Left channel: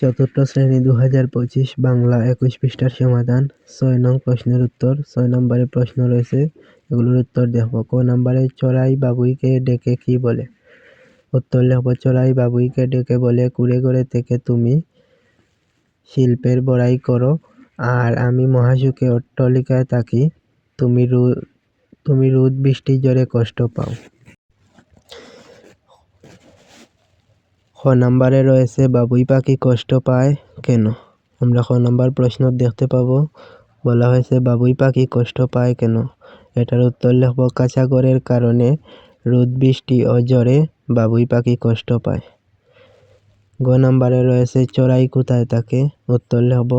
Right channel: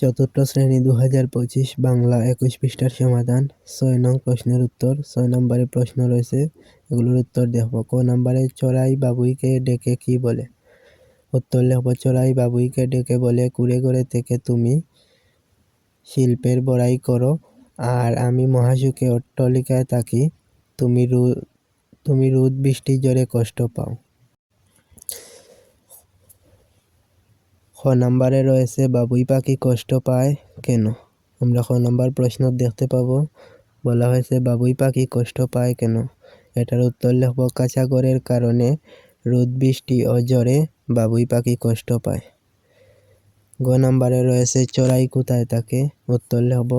চতুর্থ শ্রেণী 2025 বাংলা 21 পৃষ্ঠার সমাধান। 6 নং প্রশ্নের উত্তর। 6 নম্বরে প্রশ্ন রয়েছে, এগুলোর উত্তর দেখব। ক নম্বরে চড়াই বাবুইকে ডেকে কি বলে? উত্তর লিখব, চড়াই বাবুইকে ডেকে বলে, কুড়ে ঘরে থেকে তুমি শিল্পের বড়াই করো, আর আমি মহাসুখে অট্টালিকায় থাকি, তুমি রোদ বৃষ্টি জ্বরে কষ্ট পাও। খ নম্বরে রয়েছে, বাবুই পাখি কষ্ট পায় কেন? আমরা খ নম্বর প্রশ্ন দেখতে পাবো, বলা হয়েছে বাবুই পাখি কষ্ট পায় কেন? এটার উত্তর লিখব, কাঁচা ঘরের কারণে রোদ বৃষ্টি ও জ্বরে বাবুই পাখি কষ্ট পায়। গ নম্বরে রয়েছে, চড়াই কোথায় থাকে? উত্তর লিখব,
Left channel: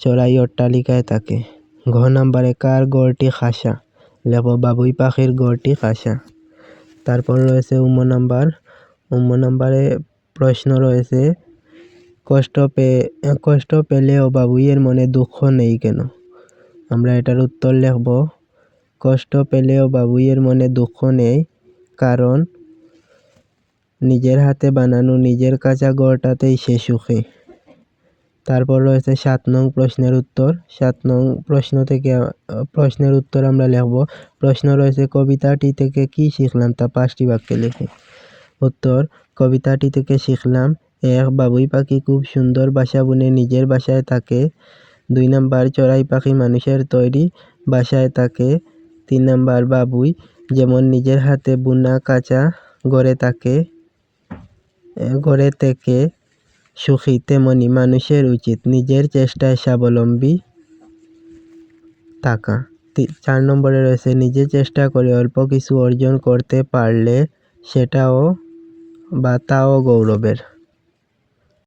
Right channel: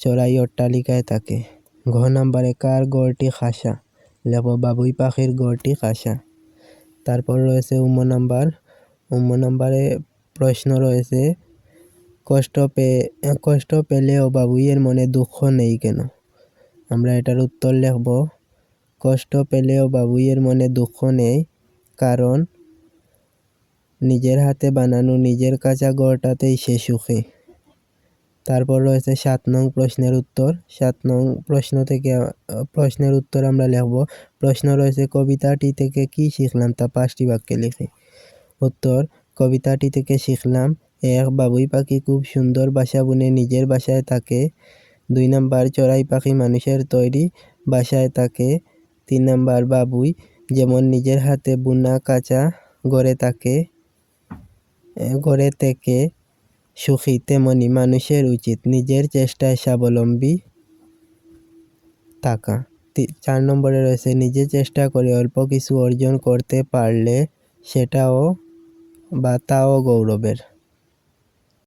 চড়াই অট্টালিকায় থাকে। ঘ নম্বরে কার গড়টি খাসা? লিখব, বাবুই পাখির গড়টি খাসা। তারপর রয়েছে নম্বরে প্রশ্ন রয়েছে, কষ্ট পেলেও বাবুইয়ের মনে দুঃখ নেই কেন? আমরা এটার উত্তর লিখব, কষ্ট পেলেও বাবুইয়ের মনে দুঃখ নেই, কারণ নিজের হাতে বানানো নিজের কাঁচা ঘরটাতেই সে সুখী। তারপর রয়েছে 7 নং প্রশ্নের উত্তর। 7 নং প্রশ্নের উত্তর আমরা লিখব, প্রশ্ন রয়েছে, কবিতাটি থেকে কি শিখলাম তা 5টি বাক্যে লিখি। উত্তর, কবিতাটি থেকে শিখলাম, 1. বাবুই পাখি খুব সুন্দর বাসা বুনে নিজের বাসায় থাকে। 2 নাম্বার, চড়াই পাখি মানুষের তৈরি বাসায় থাকে। 3 নাম্বার, বাবুই যেমন নিজের হাতে বুনা কাঁচা ঘরে থেকে সুখী, তেমনি মানুষের উচিত নিজের চেষ্টায় স্বাবলম্বী থাকা। 4 নম্বরে রয়েছে, নিজে চেষ্টা করে অল্প কিছু অর্জন করতে পারলে তাও গৌরবের।